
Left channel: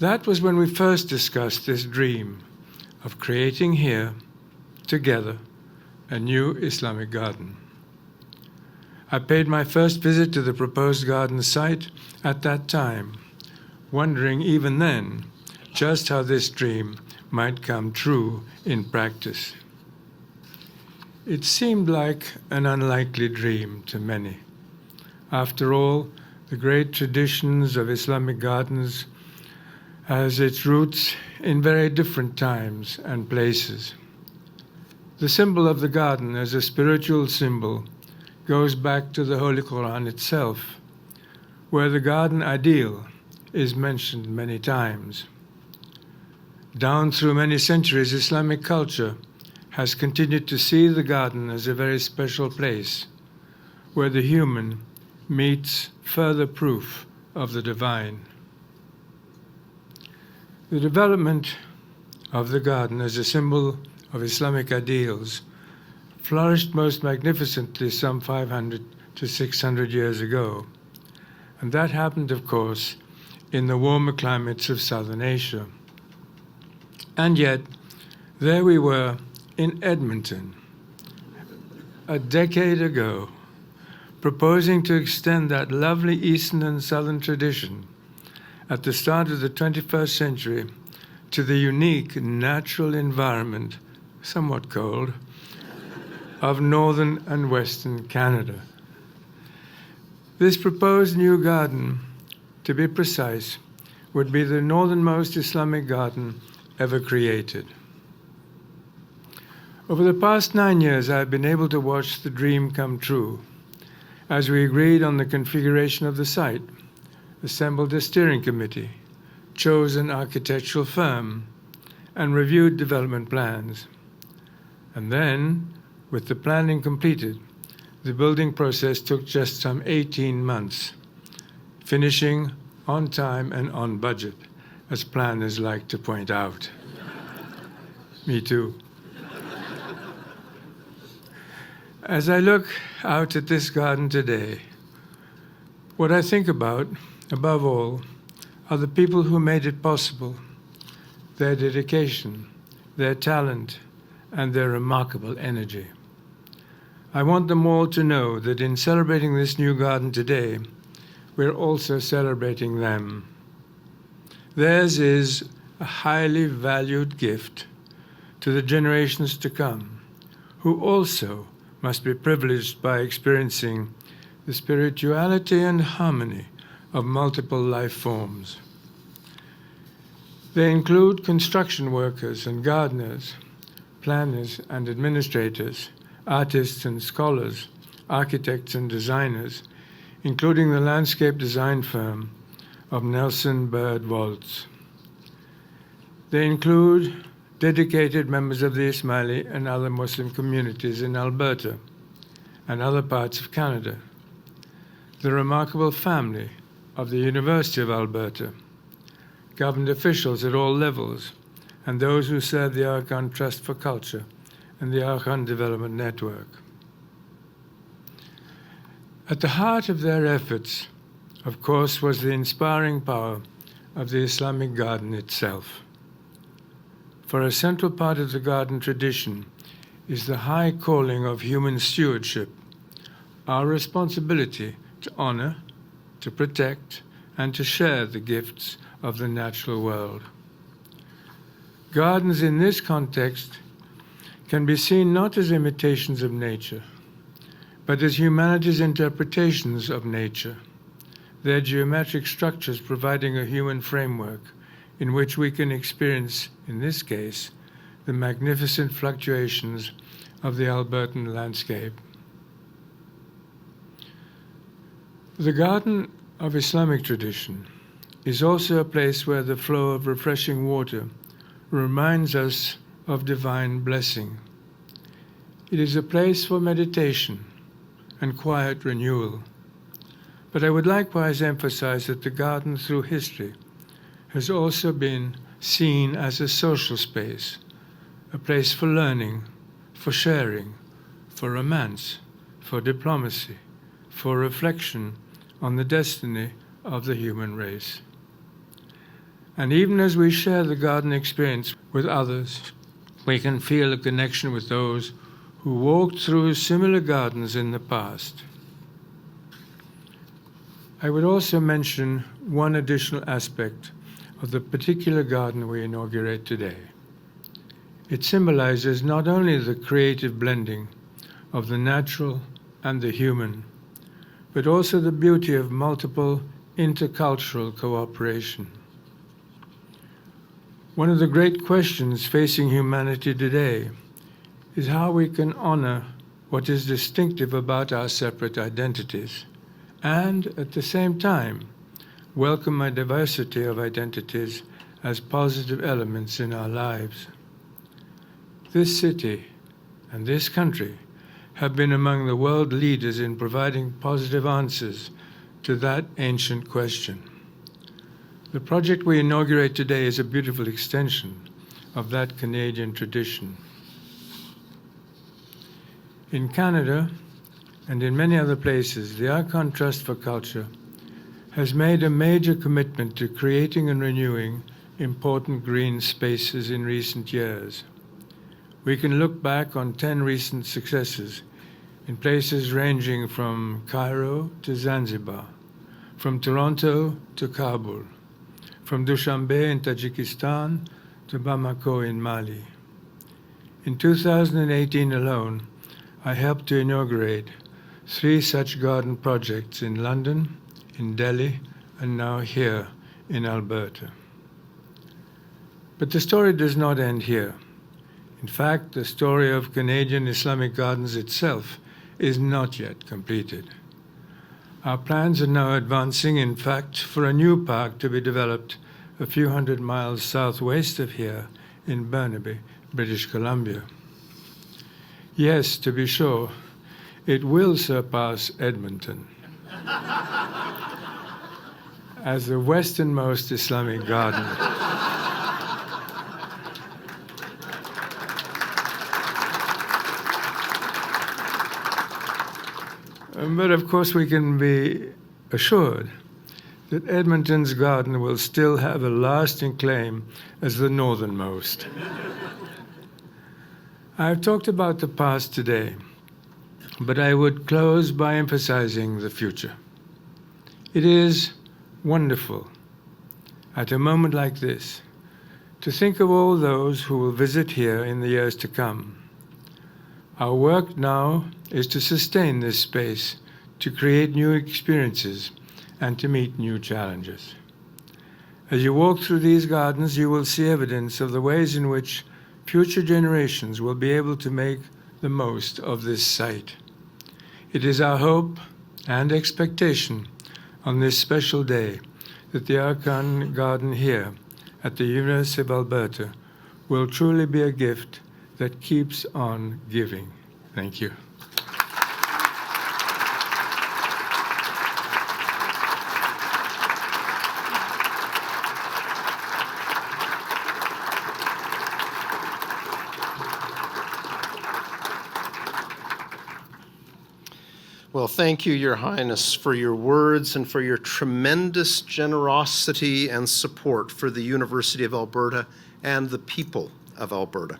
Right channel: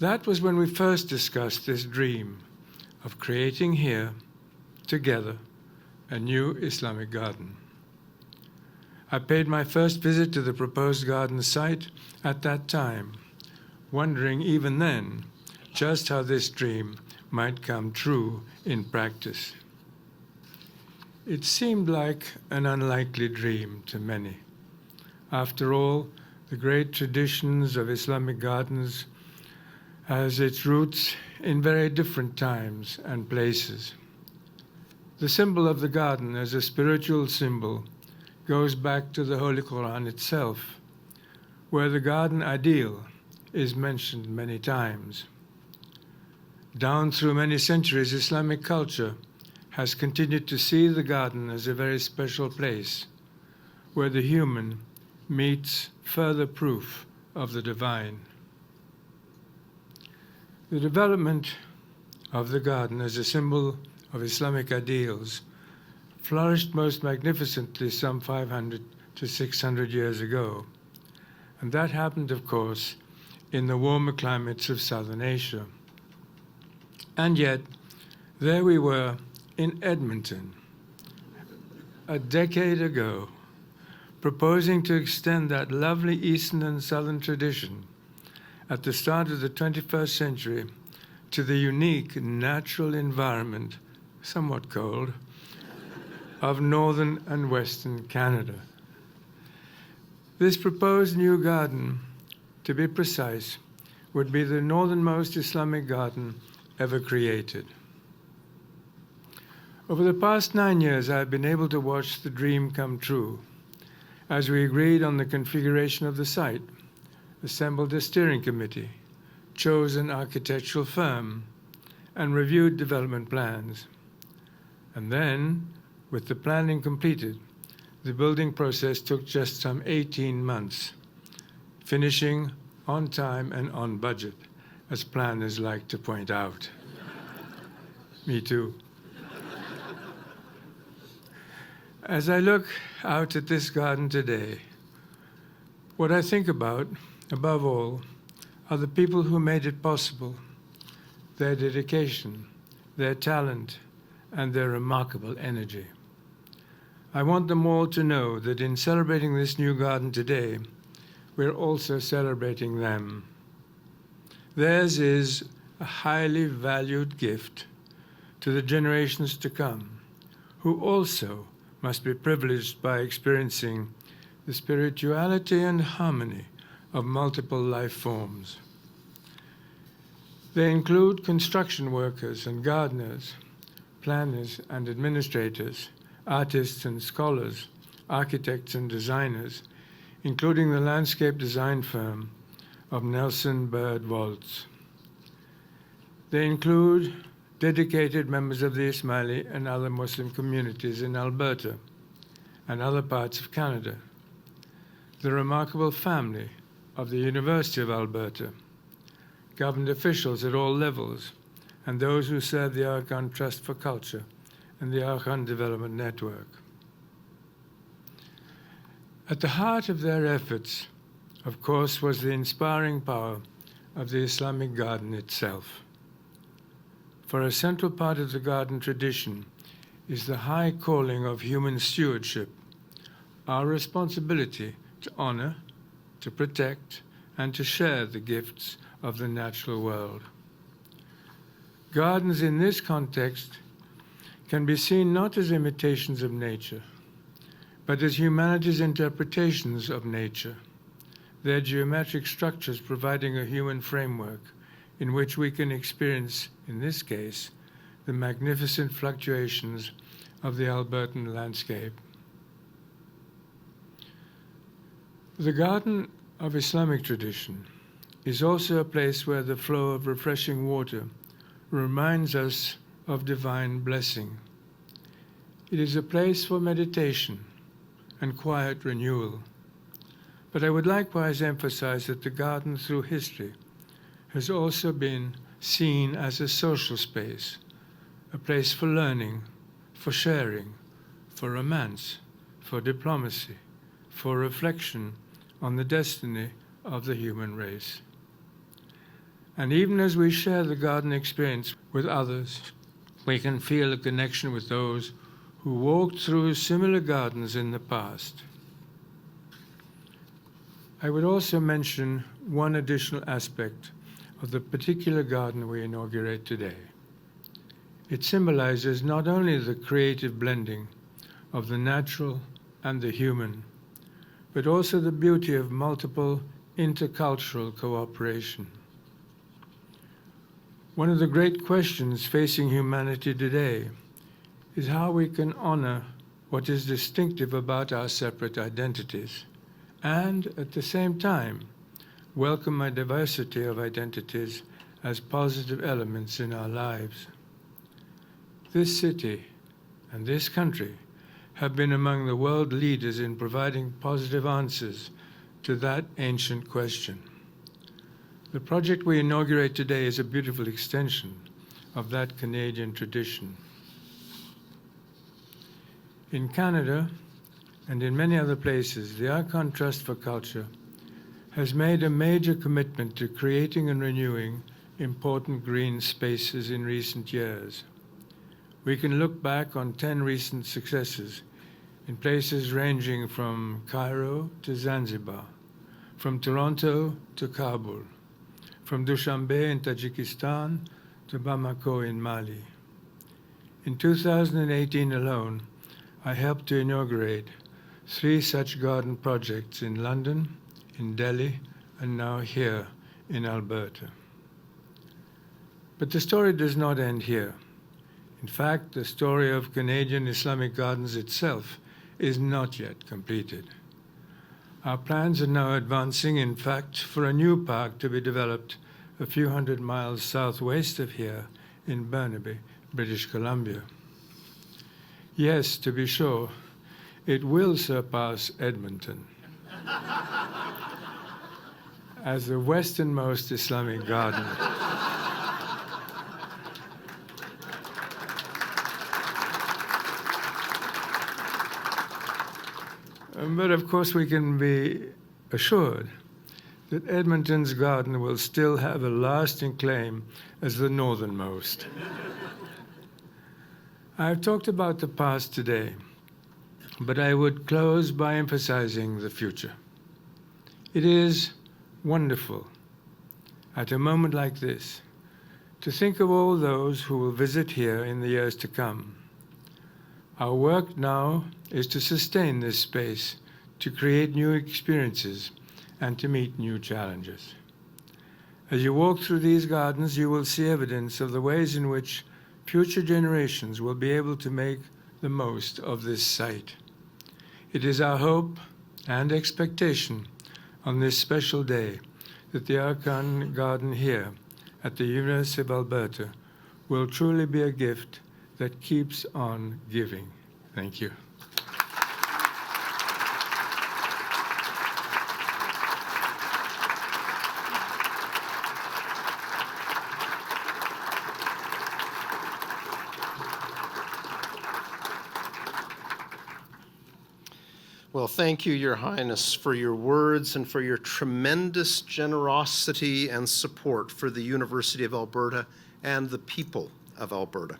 That was when we first discussed this dream of creating here, together, a new Islamic garden. I paid my first visit to the proposed garden site at that time, wondering even then just how this dream might come true in practice. It seemed like an unlikely dream to many. After all, the great traditions of Islamic gardens has its roots in very different times and places. The symbol of the garden as a spiritual symbol goes back to the Holy Quran itself, where the garden ideal is mentioned many times. Down through many centuries, Islamic culture has continued to see the garden as a very special place where the human meets further proof of the divine. The development of the garden as a symbol of Islamic ideals flourished most magnificently some 500 to 600 years ago. And that happened, of course, in the warmer climates of Southern Asia. And yet, there we were in Edmonton, a decade ago, proposing to extend that lovely Eastern and Southern tradition at the start of the 21st century to the unique natural environment, somewhat cold, of northern and western Canada. This proposed new garden, to be precise, would be the northernmost Islamic garden ever created. Over the past 9 years, I've been able to watch the dream come true as we agreed on the configuration of the site, assembled a steering committee, chose an architectural firm, and reviewed development plans. And then, with the planning completed, the building process took just some 18 months, finishing on time and on budget, as planners like to point out. Me too. As I look out at this garden today, what I think about, above all, are the people who made it possible, their dedication, their talent, and their remarkable energy. I want them all to know that in celebrating this new garden today, we're also celebrating them. Theirs is a highly valued gift to the generations to come, who also must be privileged by experiencing the spirituality and harmony of multiple life forms. They include construction workers and gardeners, planners and administrators, artists and scholars, architects and designers, including the landscape design firm of Nelson Bird Waltz. They include dedicated members of the Ismaili and other Muslim communities in Alberta and other parts of Canada, the remarkable family of the University of Alberta, government officials at all levels, and those who serve the Aga Khan Trust for Culture and the Aga Khan Development Network. At the heart of their efforts, of course, was the inspiring power of the Islamic garden itself. For a central part of the garden tradition is the high calling of human stewardship, our responsibility to honor, to protect, and to share the gifts of the natural world. Gardens in this context can be seen not as imitations of nature, but as humanity's interpretations of nature, their geometric structures providing a human framework in which we can experience, in this case, the magnificent fluctuations of the Albertan landscape. The garden of Islamic tradition is also a place where the flow of refreshing water reminds us of divine blessing. It is a place for meditation and quiet renewal. But I would likewise emphasize that the garden through history has also been seen as a social space, a place for learning, for sharing, for romance, for diplomacy, for reflection on the destiny of the human race. And even as we share the garden experience with others, we can feel a connection with those who walked through similar gardens in the past. I would also mention one additional aspect of the particular garden we inaugurate today. It symbolizes not only the creative blending of the natural and the human, but also the beauty of multiple intercultural cooperation. One of the great questions facing humanity today is how we can honor what is distinctive about our separate identities, and at the same time, welcome a diversity of identities as positive elements in our lives. This city and this country have been among the world leaders in providing positive answers to that ancient question. The project we inaugurate today is a beautiful extension of that Canadian tradition. In Canada and in many other places, the Aga Khan Trust for Culture has made a major commitment to creating and renewing important green spaces in recent years. We can look back on 10 recent successes in places ranging from Cairo to Zanzibar, from Toronto to Kabul, from Dushanbe in Tajikistan to Bamako in Mali. In 2018 alone, I helped to inaugurate 3 such garden projects in London, in Delhi, and now here in Alberta. But the story does not end here. In fact, the story of Canadian Islamic Gardens itself is not yet completed. Our plans are now advancing, in fact, for a new park to be developed a few hundred miles southwest of here in Burnaby, British Columbia. Yes, to be sure, it will surpass Edmonton as the westernmost Islamic garden. But of course, we can be assured that Edmonton's garden will still have a lasting claim as the northernmost. I've talked about the past today, but I would close by emphasizing the future. It is wonderful, at a moment like this, to think of all those who will visit here in the years to come. Our work now is to sustain this space, to create new experiences, and to meet new challenges. As you walk through these gardens, you will see evidence of the ways in which future generations will be able to make the most of this site. It is our hope and expectation on this special day that the Aga Khan Garden here at the University of Alberta will truly be a gift that keeps on giving. Thank you. Well, thank you, Your Highness, for your words and for your tremendous generosity and support for the University of Alberta and the people of Alberta.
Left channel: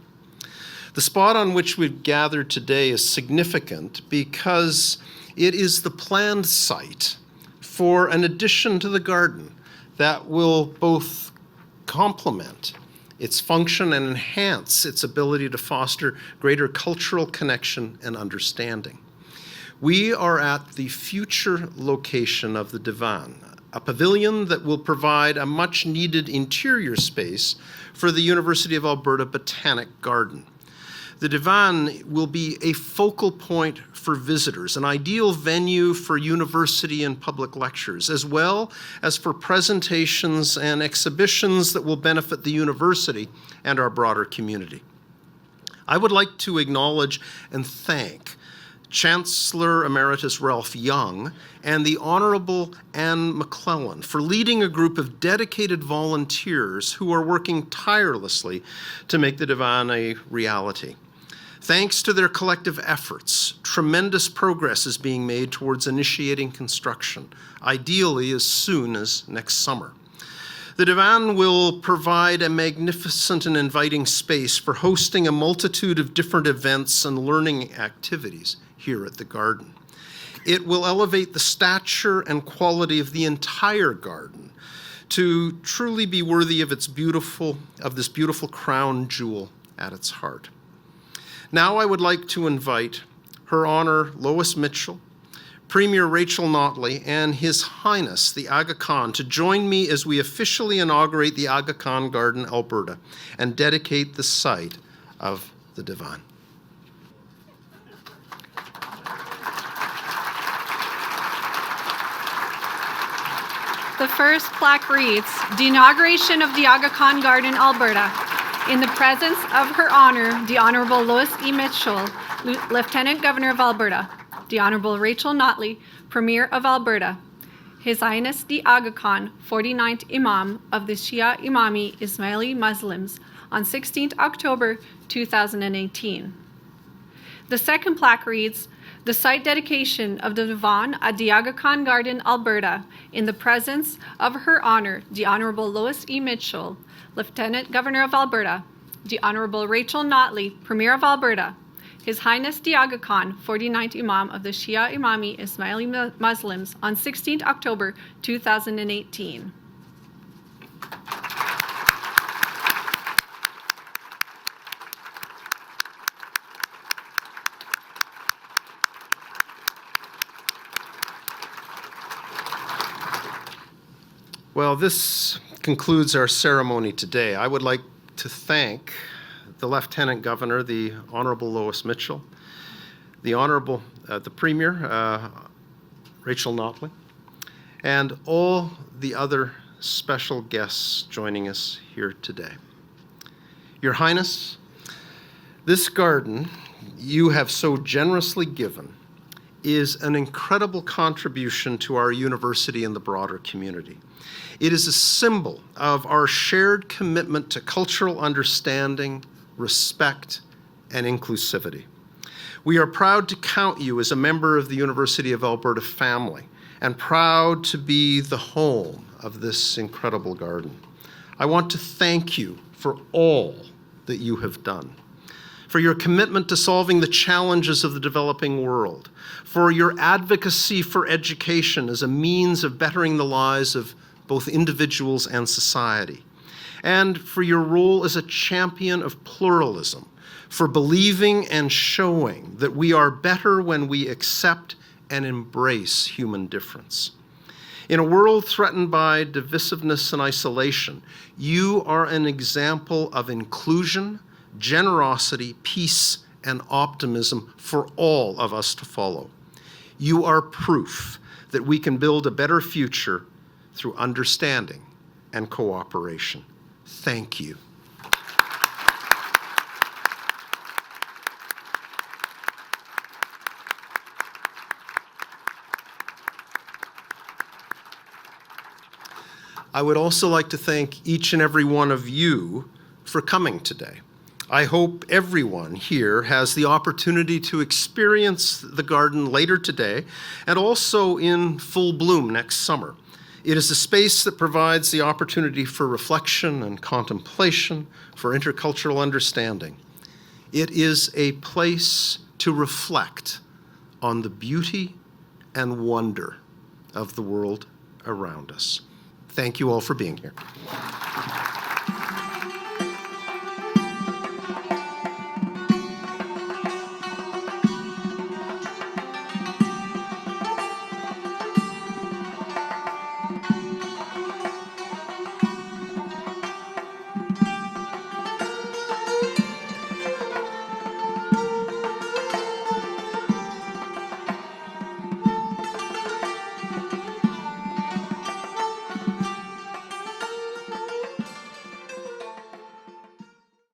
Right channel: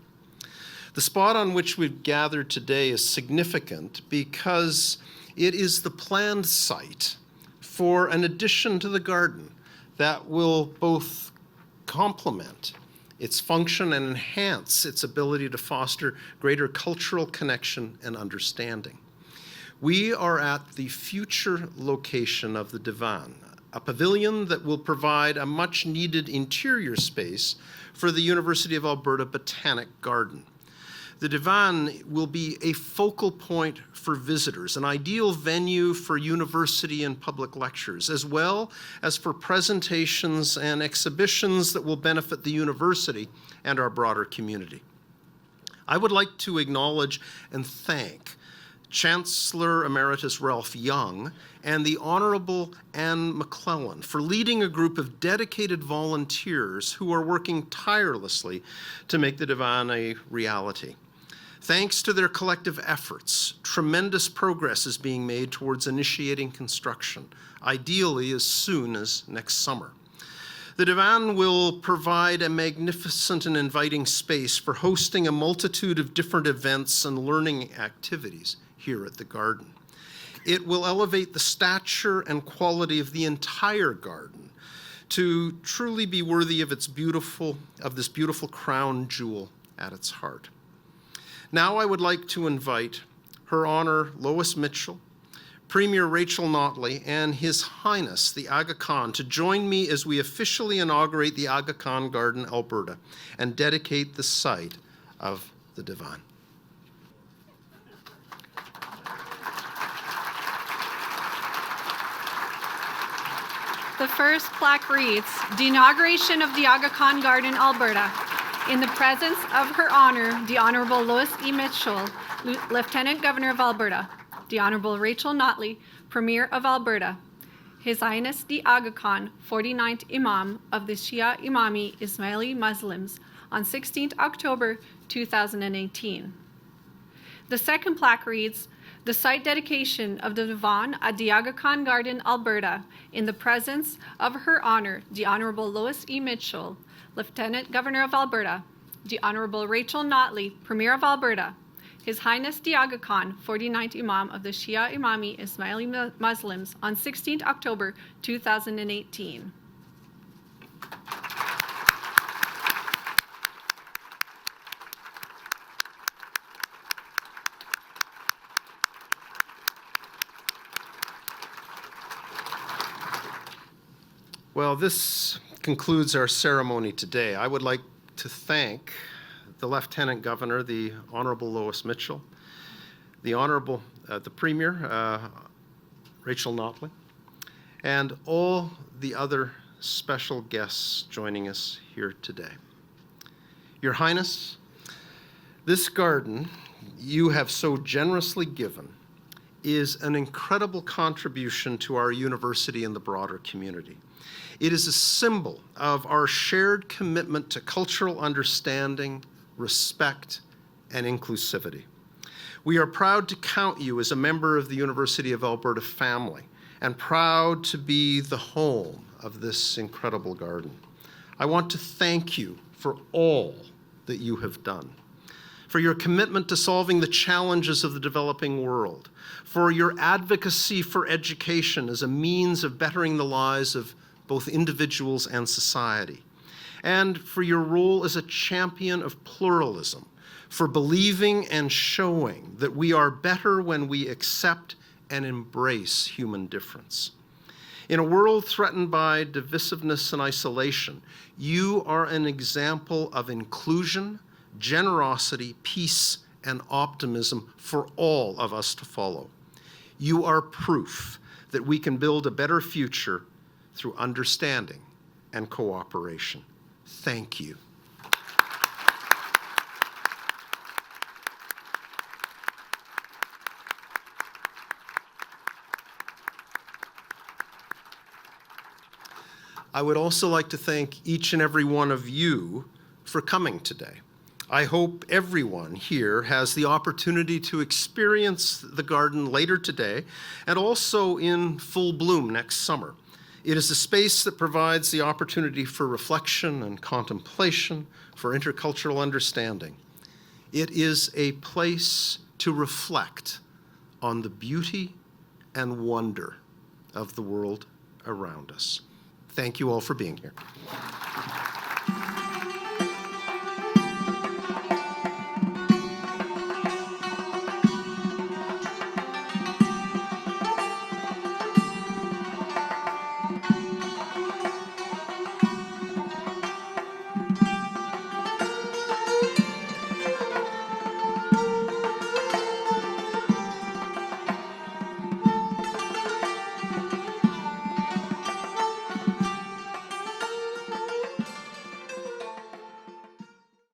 The spot on which we've gathered today is significant because it is the planned site for an addition to the garden that will both complement its function and enhance its ability to foster greater cultural connection and understanding. We are at the future location of the Divan, a pavilion that will provide a much-needed interior space for the University of Alberta Botanic Garden. The Divan will be a focal point for visitors, an ideal venue for university and public lectures, as well as for presentations and exhibitions that will benefit the university and our broader community. I would like to acknowledge and thank Chancellor Emeritus Ralph Young and the Honorable Anne McClellan for leading a group of dedicated volunteers who are working tirelessly to make the Divan a reality. Thanks to their collective efforts, tremendous progress is being made towards initiating construction, ideally as soon as next summer. The Divan will provide a magnificent and inviting space for hosting a multitude of different events and learning activities here at the garden. It will elevate the stature and quality of the entire garden to truly be worthy of this beautiful crown jewel at its heart. Now I would like to invite Her Honor Lois Mitchell, Premier Rachel Notley, and His Highness the Aga Khan to join me as we officially inaugurate the Aga Khan Garden, Alberta, and dedicate the site of the Divan. The first plaque reads, "The Inauguration of the Aga Khan Garden, Alberta. In the presence of Her Honor, the Honorable Lois E. Mitchell, Lieutenant Governor of Alberta, the Honorable Rachel Notley, Premier of Alberta, His Highness the Aga Khan, 49th Imam of the Shia Imami Ismaili Muslims, on 16th October 2018. The second plaque reads, "The site dedication of the Divan at the Aga Khan Garden, Alberta, in the presence of Her Honor, the Honorable Lois E. Mitchell, Lieutenant Governor of Alberta, the Honorable Rachel Notley, Premier of Alberta, His Highness the Aga Khan, 49th Imam of the Shia Imami Ismaili Muslims, on 16th October 2018. Well, this concludes our ceremony today. I would like to thank the Lieutenant Governor, the Honorable Lois Mitchell, the Premier, Rachel Notley, and all the other special guests joining us here today. Your Highness, this garden you have so generously given is an incredible contribution to our university and the broader community. It is a symbol of our shared commitment to cultural understanding, respect, and inclusivity. We are proud to count you as a member of the University of Alberta family and proud to be the home of this incredible garden. I want to thank you for all that you have done, for your commitment to solving the challenges of the developing world, for your advocacy for education as a means of bettering the lives of both individuals and society, and for your role as a champion of pluralism, for believing and showing that we are better when we accept and embrace human difference. In a world threatened by divisiveness and isolation, you are an example of inclusion, generosity, peace, and optimism for all of us to follow. You are proof that we can build a better future through understanding and cooperation. Thank you. I would also like to thank each and every one of you for coming today. I hope everyone here has the opportunity to experience the garden later today and also in full bloom next summer. It is a space that provides the opportunity for reflection and contemplation, for intercultural understanding. It is a place to reflect on the beauty and wonder of the world around us. Thank you all for being here.